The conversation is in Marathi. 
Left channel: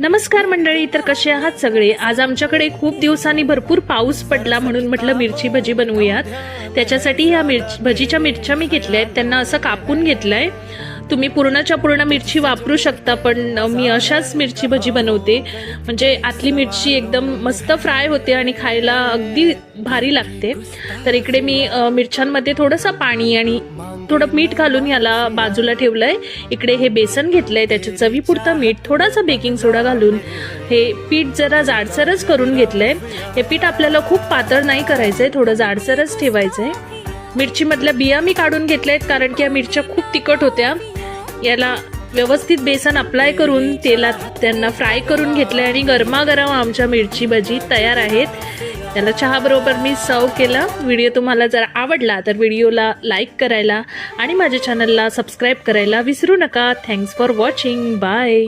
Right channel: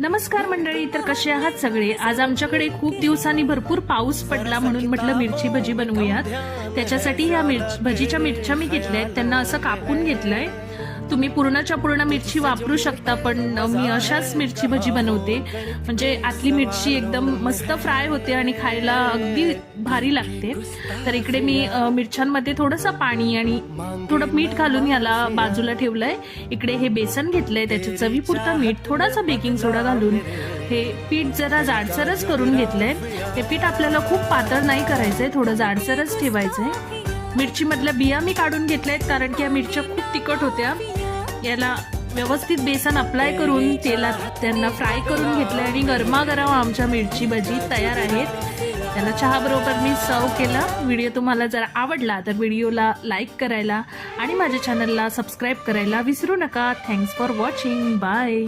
नमस्कार मंडळी, तर कसे आहात सगळे। आज आमच्याकडे खूप दिवसांनी भरपूर पाऊस पडला म्हणून म्हटलं मिरची भजी बनवूयात। त्याच्यासाठी ह्या भजीच्या मिरच्या मी घेतल्यात, त्यांना असं कापून घेतलंय। तुम्ही पूर्णच्या पूर्ण मिरची वापरू शकता, पण मी अशाच मिरची भजी बनवते, म्हणजे आतली मिरची एकदम मस्त फ्राय होते आणि खायला अगदी भारी लागते। तर इकडे मी मिरच्यांमध्ये थोडंसं पाणी आणि थोडं मीठ घालून याला बाजूला ठेवलंय। इकडे हे बेसन घेतलंय, त्याच्या चवीपुरतं मीठ, थोडासा बेकिंग सोडा घालून हे पीठ जरा जाडसरच करून घेतलंय। हे पीठ आपल्याला खूप पातळ नाही करायचंय, थोडं जाडसरच ठेवायचंय। मिरची मधल्या बिया मी काढून घेतल्यात, कारण की या मिरच्या खूप तिखट होत्या। याला व्यवस्थित बेसन अप्लाय करून तेलात त्यांना फ्राय करून घेतलंय आणि गरमागरम आमच्या मिरची भजी तयार आहेत। त्याला चहा बरोबर मी सर्व केला। व्हिडिओ तुम्हाला जर आवडला तर व्हिडिओला लाईक करायला आणि माझ्या चॅनलला सबस्क्राईब करायला विसरू नका। Thanks for watching, bye.